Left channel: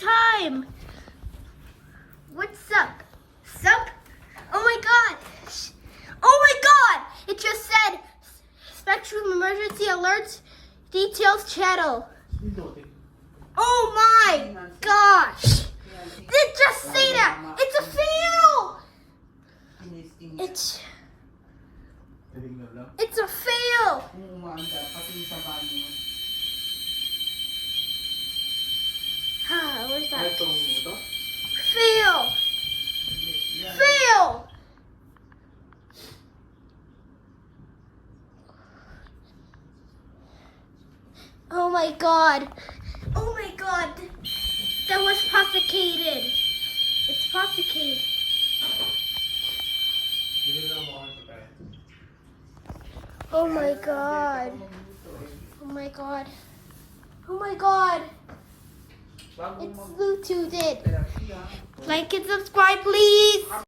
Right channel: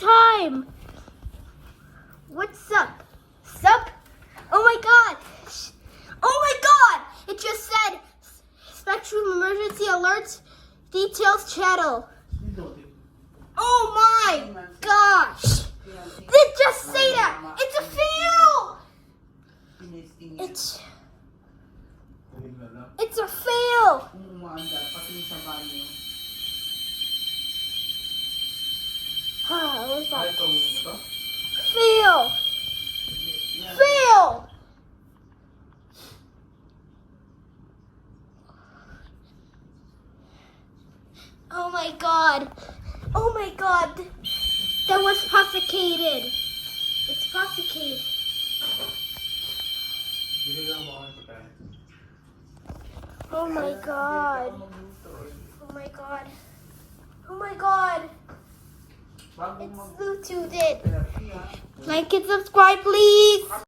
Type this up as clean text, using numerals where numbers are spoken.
time. What's up? Sup? Oh my god! Oh my god! It just said Spectrum Emergency Alerts Details Channel. Oh my gosh! It just say that! It's a fail! It's a fail! Where's that? Fail! Fail! Oh my god! Oh my god! That was prosecuted! It's prosecuted. Oh my god! Oh my god! Oh my god! It's Bluetoothed. Like and subscribe, please.